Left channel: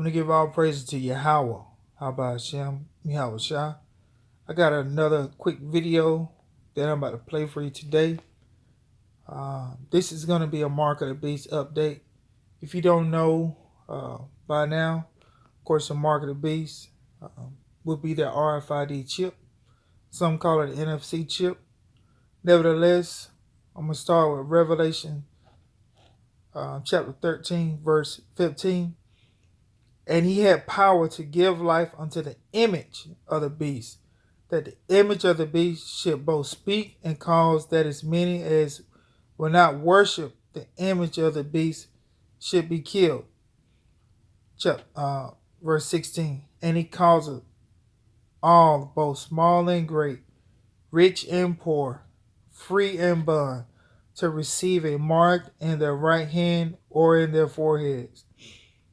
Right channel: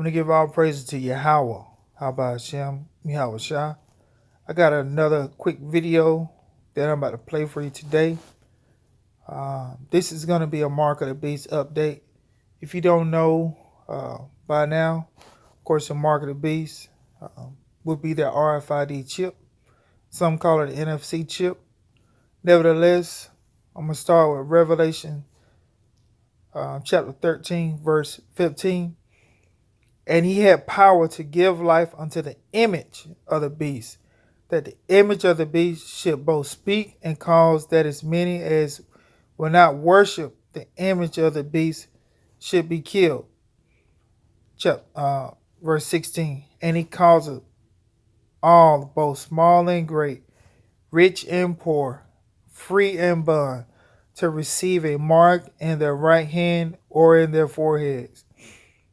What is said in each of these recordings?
I'm going to give all praises to Yahweh. How about Shem? Yahweh Shah. I got another quick video that I'm about to play for you today. This is going to be a Mark of the Beast update. If you don't know by now, of course, the Mark of the Beast would be the RFID chip. Some call it an NFC chip. Nevertheless, I'm going to start with Revelation chapter 13, verse 15. And he had power to give life unto the image of the beast, that the image of the beast should both speak and cause that as many as will not worship the image of the beast should be killed. Verse 16. And he causeth all, both small and great, rich and poor, free and bond, to receive a mark in their right hand or in their foreheads,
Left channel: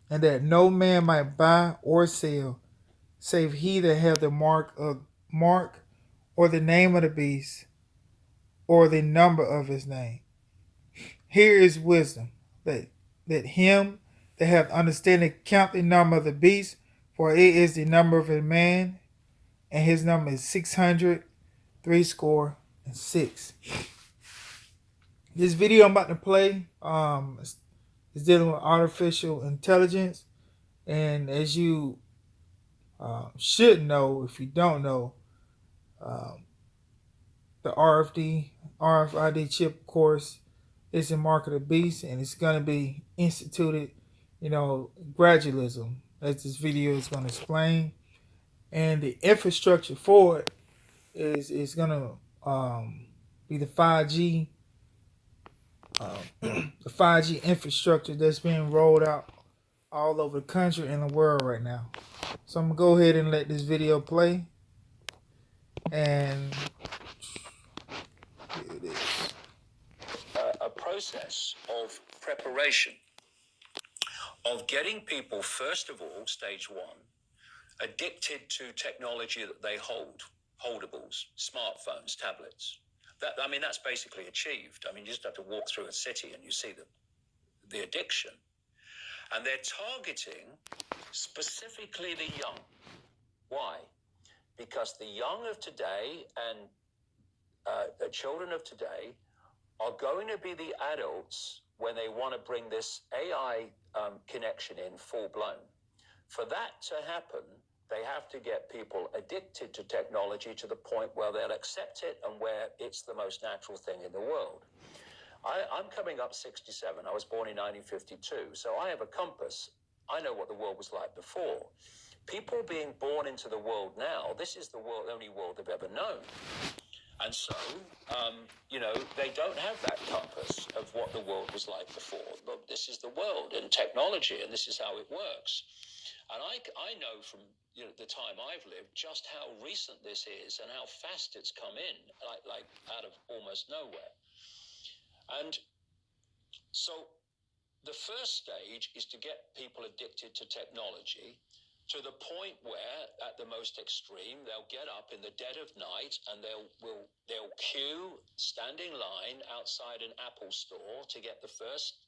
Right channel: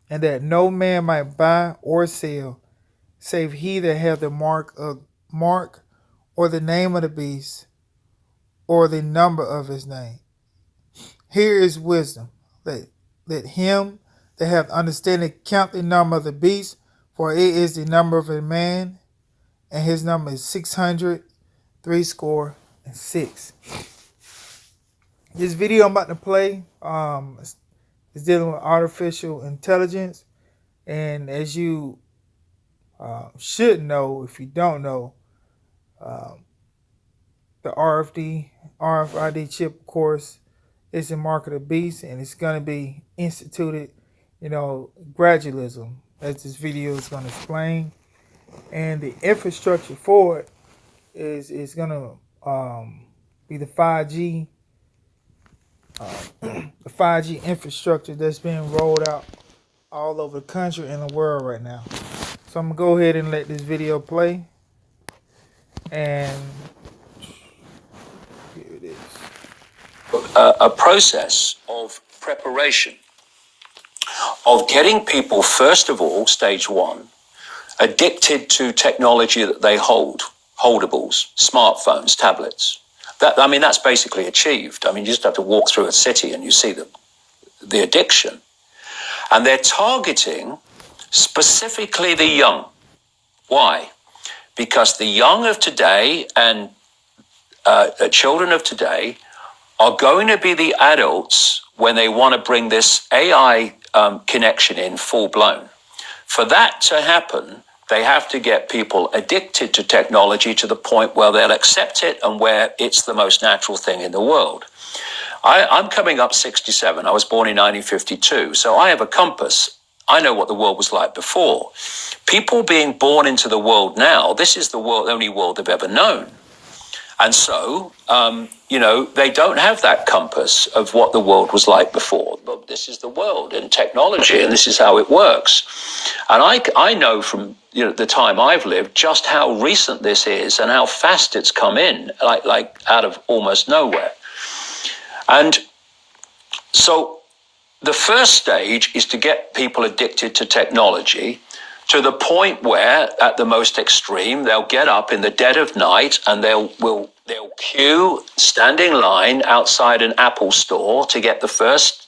and that no man might buy or sell, save he that hath the mark or the name of the beast, or the number of his name. Here is wisdom. Let him that hath understanding count the number of the beast, for it is the number of a man, and his number is 666. This video I'm about to play is dealing with artificial intelligence, and as you should know, if you don't know, the RFID chip, of course, is the mark of the beast, and it's going to be instituted, gradualism, as this video is going to explain. And the infrastructure for it is going to be the 5G, the 5G infrastructure that's being rolled out all over the country and the world right now. So I'm going to go ahead and let this video play. And here it is. A process of preparation, of getting people, first of all, stage one, addicted to technology that they hold, holdables, smartphones, tablets. That's basically achieved. You just have to walk through a city and you see the addiction. And they're targeting specifically the young. Why? Because the young of today and children of today are going to be the adults when they want to bring this AI connection in full blown. For that to happen, they have to get people addicted to technology to the point where they'll accept it and where it's the most natural thing in the world. I'm coming up 67. I was born in 1952, so I have a compass. I know what the world was like before. People being born into the world now, this is the only world they've ever known. And so, they don't have that compass of what the world was like before. But this is the world and technology, and this is how it works. And I know from the time I've lived just how recent this is and how fast it's come in, like out of almost nowhere. And so the first stage is to get people addicted to technology to the point where, at the most extreme, they'll get up in the dead of night and they'll queue, stand in line outside an Apple store to get the first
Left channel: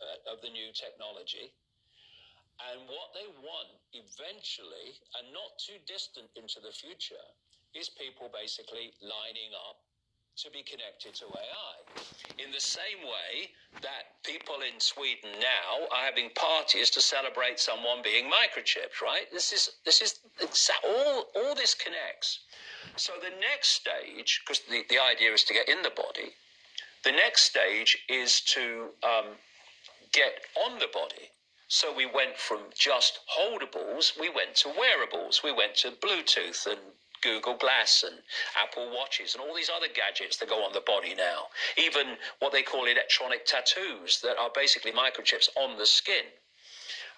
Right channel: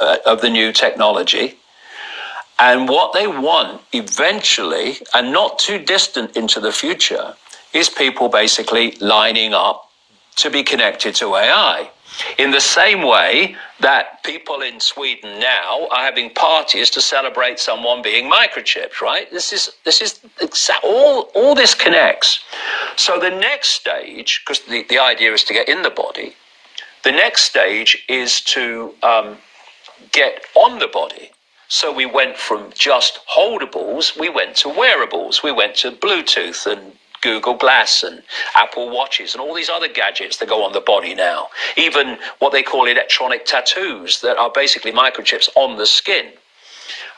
of the new technology. And what they want eventually, and not too distant into the future, is people basically lining up to be connected to AI. In the same way that people in Sweden now are having parties to celebrate someone being microchipped, right? This is all this connects. So the next stage, because the idea is to get in the body, the next stage is to get on the body. So we went from just holdables, we went to wearables, we went to Bluetooth and Google Glass and Apple Watches and all these other gadgets that go on the body now. Even what they call electronic tattoos that are basically microchips on the skin.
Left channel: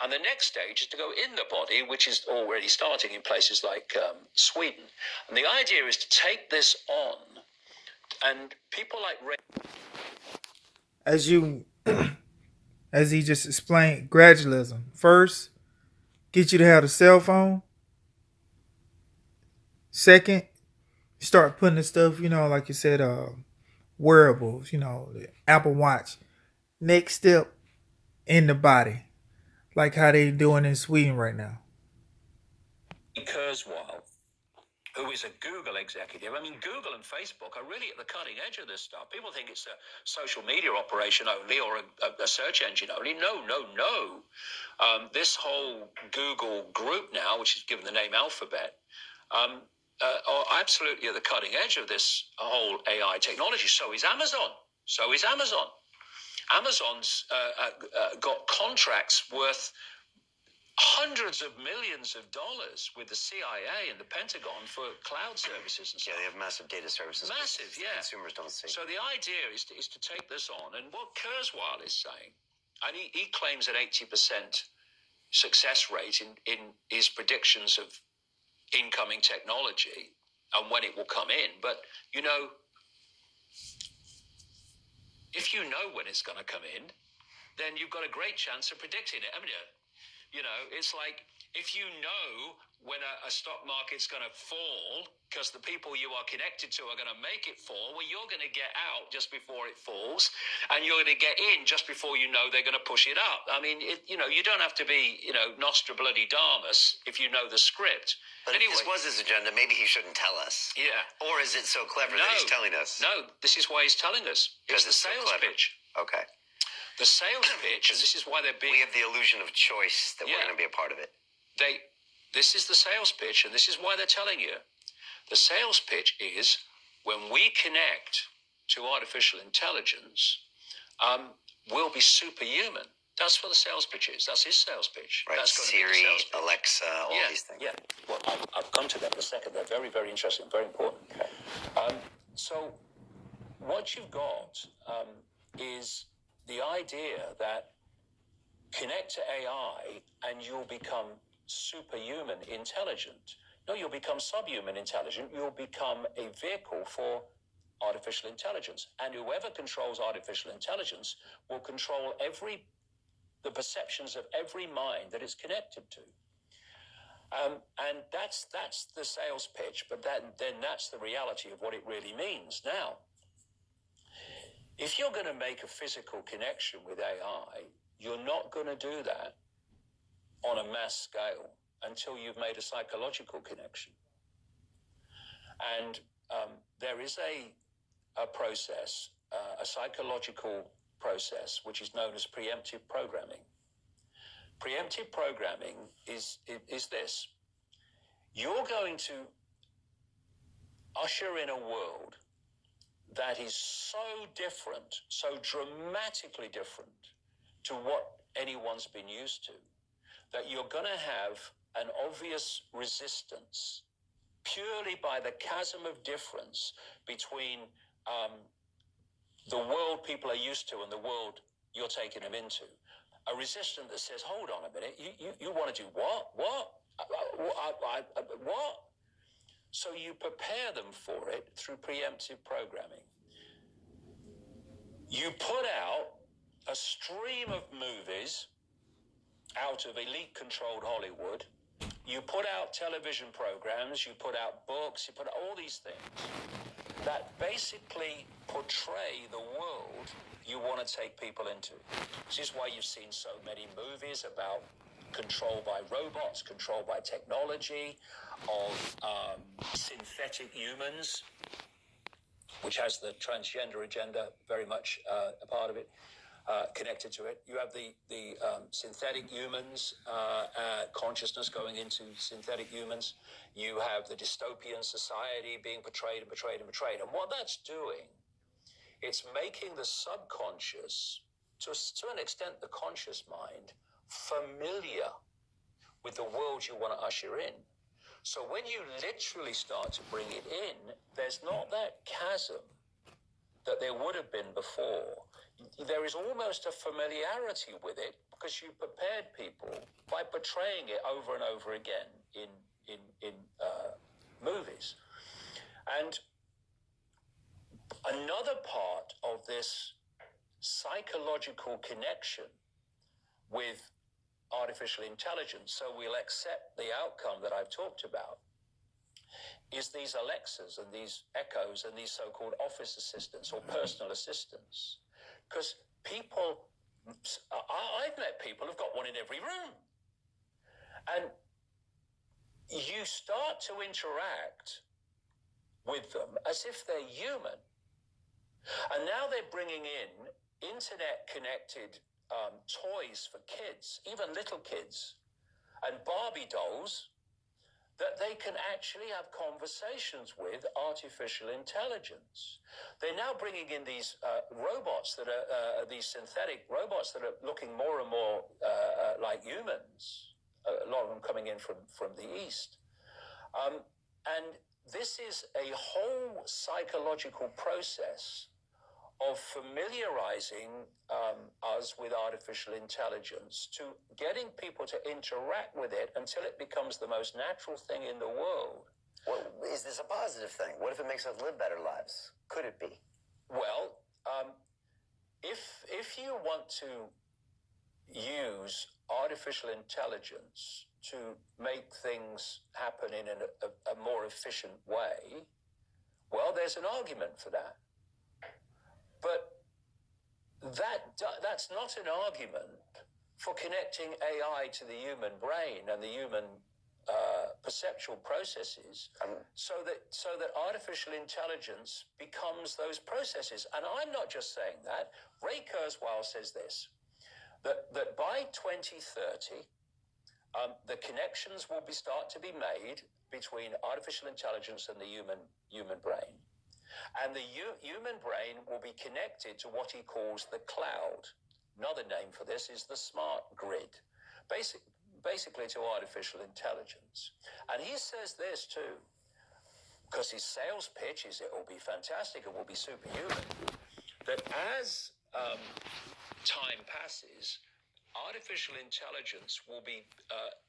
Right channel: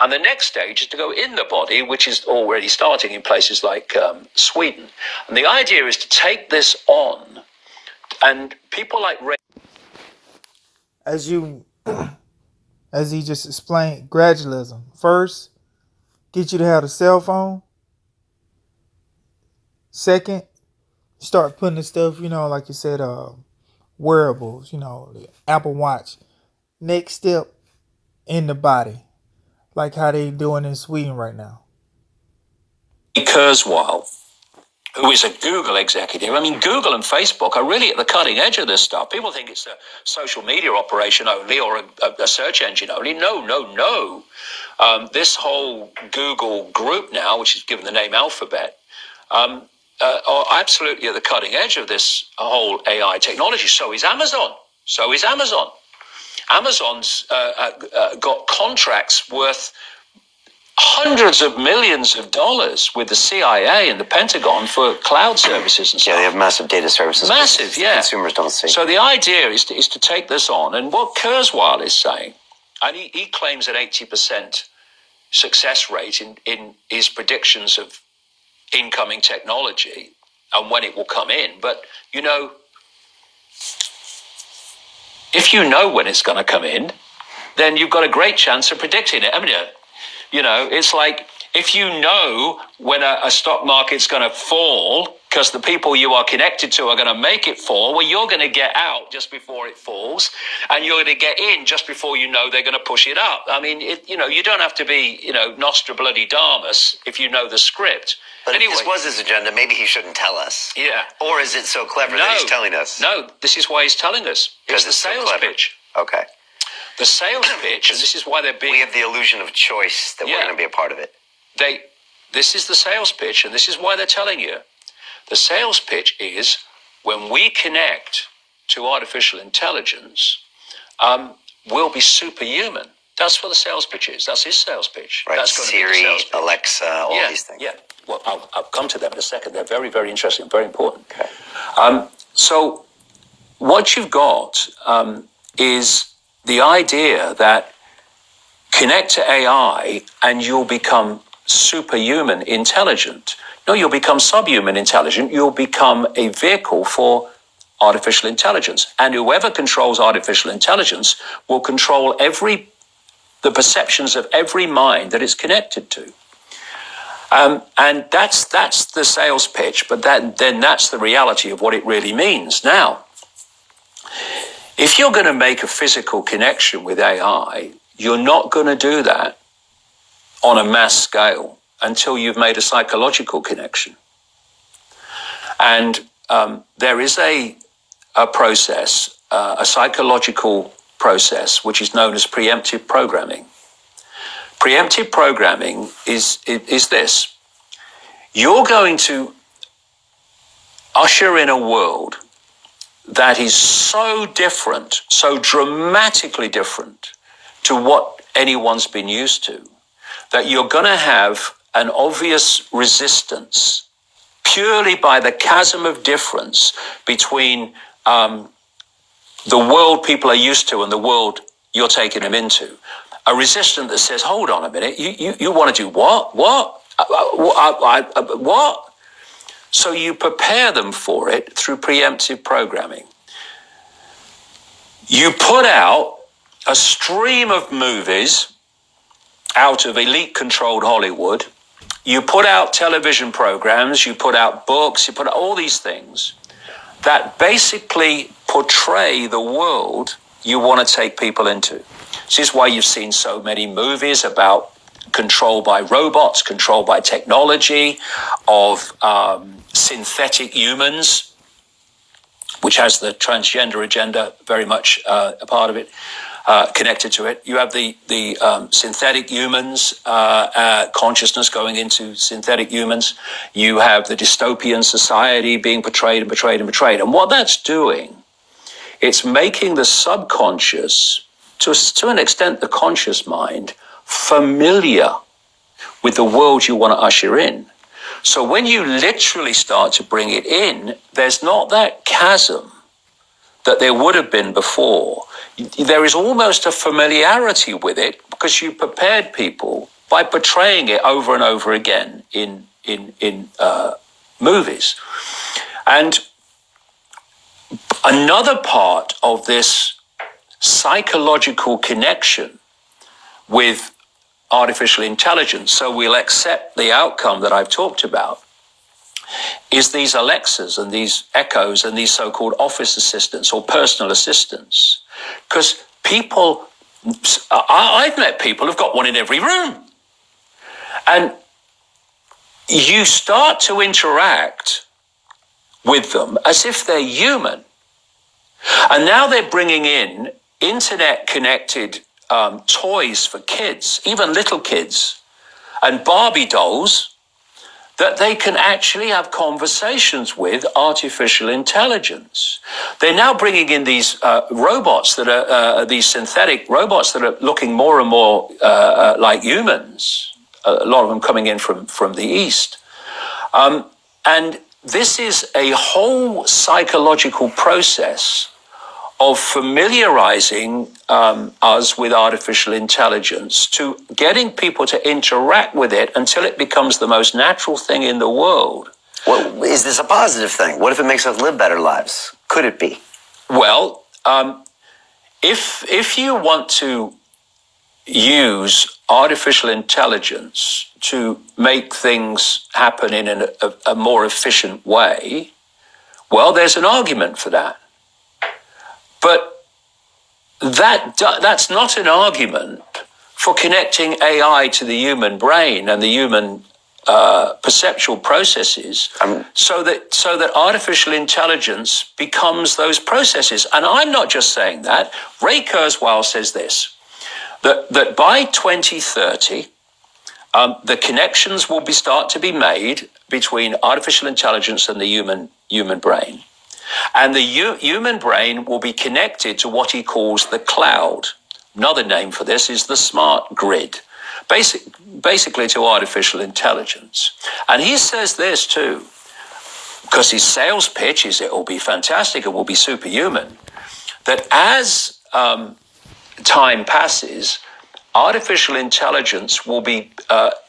And the next stage is to go in the body, which is already starting in places like Sweden. And the idea is to take this on, and people like Ray... As he just explained, gradualism. First, get you to have a cell phone. Second, start putting the stuff, like you said, wearables, the Apple Watch. Next step, in the body. like how they doing in Sweden right now? Kurzweil, who is a Google executive. I mean, Google and Facebook are really at the cutting edge of this stuff. People think it's a social media operation only or a search engine only. No. This whole Google group now, which is given the name Alphabet, are absolutely at the cutting edge of this whole AI technology. So is Amazon. Amazon's got contracts worth hundreds of millions of dollars with the CIA and the Pentagon for cloud services and stuff. Yeah, they have massive data services. Massive, yeah. Consumers don't see. So the idea is to take this on. And what Kurzweil is saying, and he claims an 80% success rate in his predictions of incoming technology and when it will come in. But, you know, if you know when it's going to come in, then you've got a great chance of predicting it. I mean, you know, it's like if you know when a stock market's going to fall because the people you are connected to are going to make it fall, well, you're going to get out just before it falls and you're going to get in just before you know they're going to push it up. I mean, you know, you don't have to be, you know, Nostradamus if you know the script. But anyway, if this was his agenda, maybe he shouldn't tell us. Yeah. Or is it so clever that he's telling us? No, this is why he's telling us. It's the sales pitch. Okay. The sales pitch, and this is why they're big. We have the illusion of choice that we're going to be a part of it. This is the sales pitch, and this is why they're telling you. The sales pitch is when we connect to artificial intelligence, we'll be superhuman. That's what the sales pitch is. That's his sales pitch. Right. That's Siri, Alexa, all these things. Yeah. Well, I'll come to them in a second. They're very, very interesting, very important. Okay. So what you've got is the idea that connect to AI and you'll become superhuman intelligent. No, you'll become subhuman intelligent. You'll become a vehicle for artificial intelligence. And whoever controls artificial intelligence will control the perceptions of every mind that it's connected to. And that's the sales pitch, but then that's the reality of what it really means. Now, if you're going to make a physical connection with AI, you're not going to do that on a mass scale until you've made a psychological connection. And there is a process, a psychological process, which is known as preemptive programming. Preemptive programming is this. You're going to usher in a world that is so different, so dramatically different to what anyone's been used to, that you're going to have an obvious resistance purely by the chasm of difference between the world people are used to and the world you're taking them into. A resistance that says, hold on a minute, you want to do what? What? What? So you prepare them for it through preemptive programming. You put out a stream of movies out of elite-controlled Hollywood. You put out television programs, you put out books, you put out all these things that basically portray the world you want to take people into. This is why you've seen so many movies about control by robots, control by technology, of synthetic humans, which has the transgender agenda very much a part of it, connected to it. You have the synthetic humans, consciousness going into synthetic humans. You have the dystopian society being portrayed and betrayed and betrayed. And what that's doing, it's making the subconscious, to an extent the conscious mind, familiar with the world you want to usher in. So when you literally start to bring it in, there's not that chasm that there would have been before. There is almost a familiarity with it because you prepared people by portraying it over and over again in movies. And another part of this psychological connection with artificial intelligence, so we'll accept the outcome that I've talked about, is these Alexas and these Echoes and these so-called office assistants or personal assistants. Because people I've met people who've got one in every room. And you start to interact with them as if they're human. And now they're bringing in internet-connected toys for kids, even little kids, and Barbie dolls that they can actually have conversations with artificial intelligence. They're now bringing in these robots that are these synthetic robots that are looking more and more like humans. A lot of them coming in from the East. And this is a whole psychological process of familiarizing us with artificial intelligence, to getting people to interact with it until it becomes the most natural thing in the world. Well, is this a positive thing? What if it makes us live better lives? Could it be? Well, if you want to use artificial intelligence to make things happen in a more efficient way, well, there's an argument for that. But that's not an argument for connecting AI to the human brain and the human perceptual processes, so that artificial intelligence becomes those processes. And I'm not just saying that. Ray Kurzweil says this, that by 2030, the connections will start to be made between artificial intelligence and the human brain. And the human brain will be connected to what he calls the cloud. Another name for this is the smart grid, basically to artificial intelligence. And he says this too, because his sales pitch is it will be fantastic, it will be superhuman, that as time passes, artificial intelligence will be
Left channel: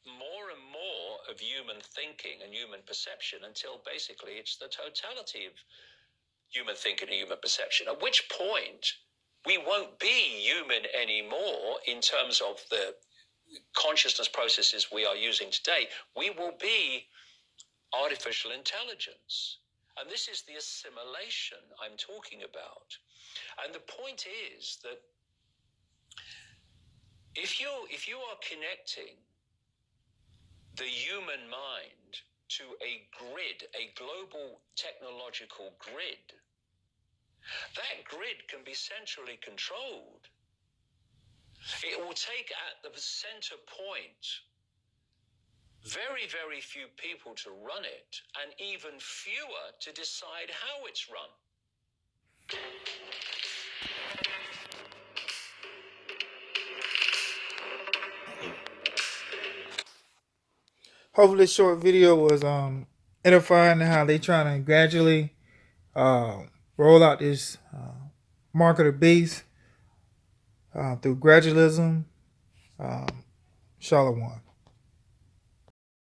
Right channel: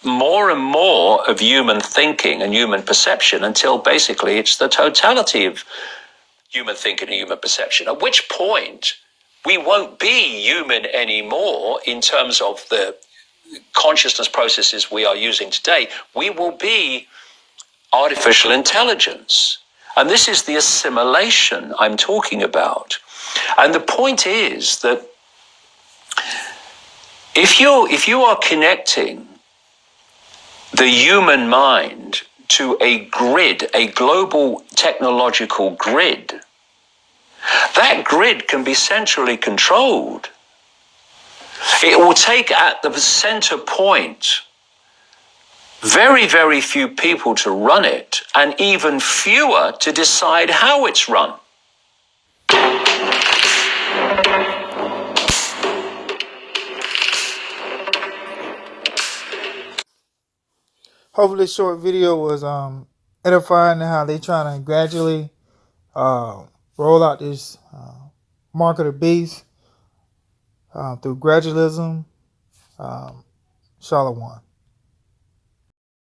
more and more of human thinking and human perception, until basically it's the totality of human thinking and human perception, at which point we won't be human anymore in terms of the consciousness processes we are using today. We will be artificial intelligence. And this is the assimilation I'm talking about. And the point is that if you are connecting the human mind to a grid, a global technological grid, that grid can be centrally controlled. It will take at the center point very, very few people to run it, and even fewer to decide how it's run. Hopefully this short video was edifying how they trying to gradually roll out this mark of the beast through gradualism. Shalom.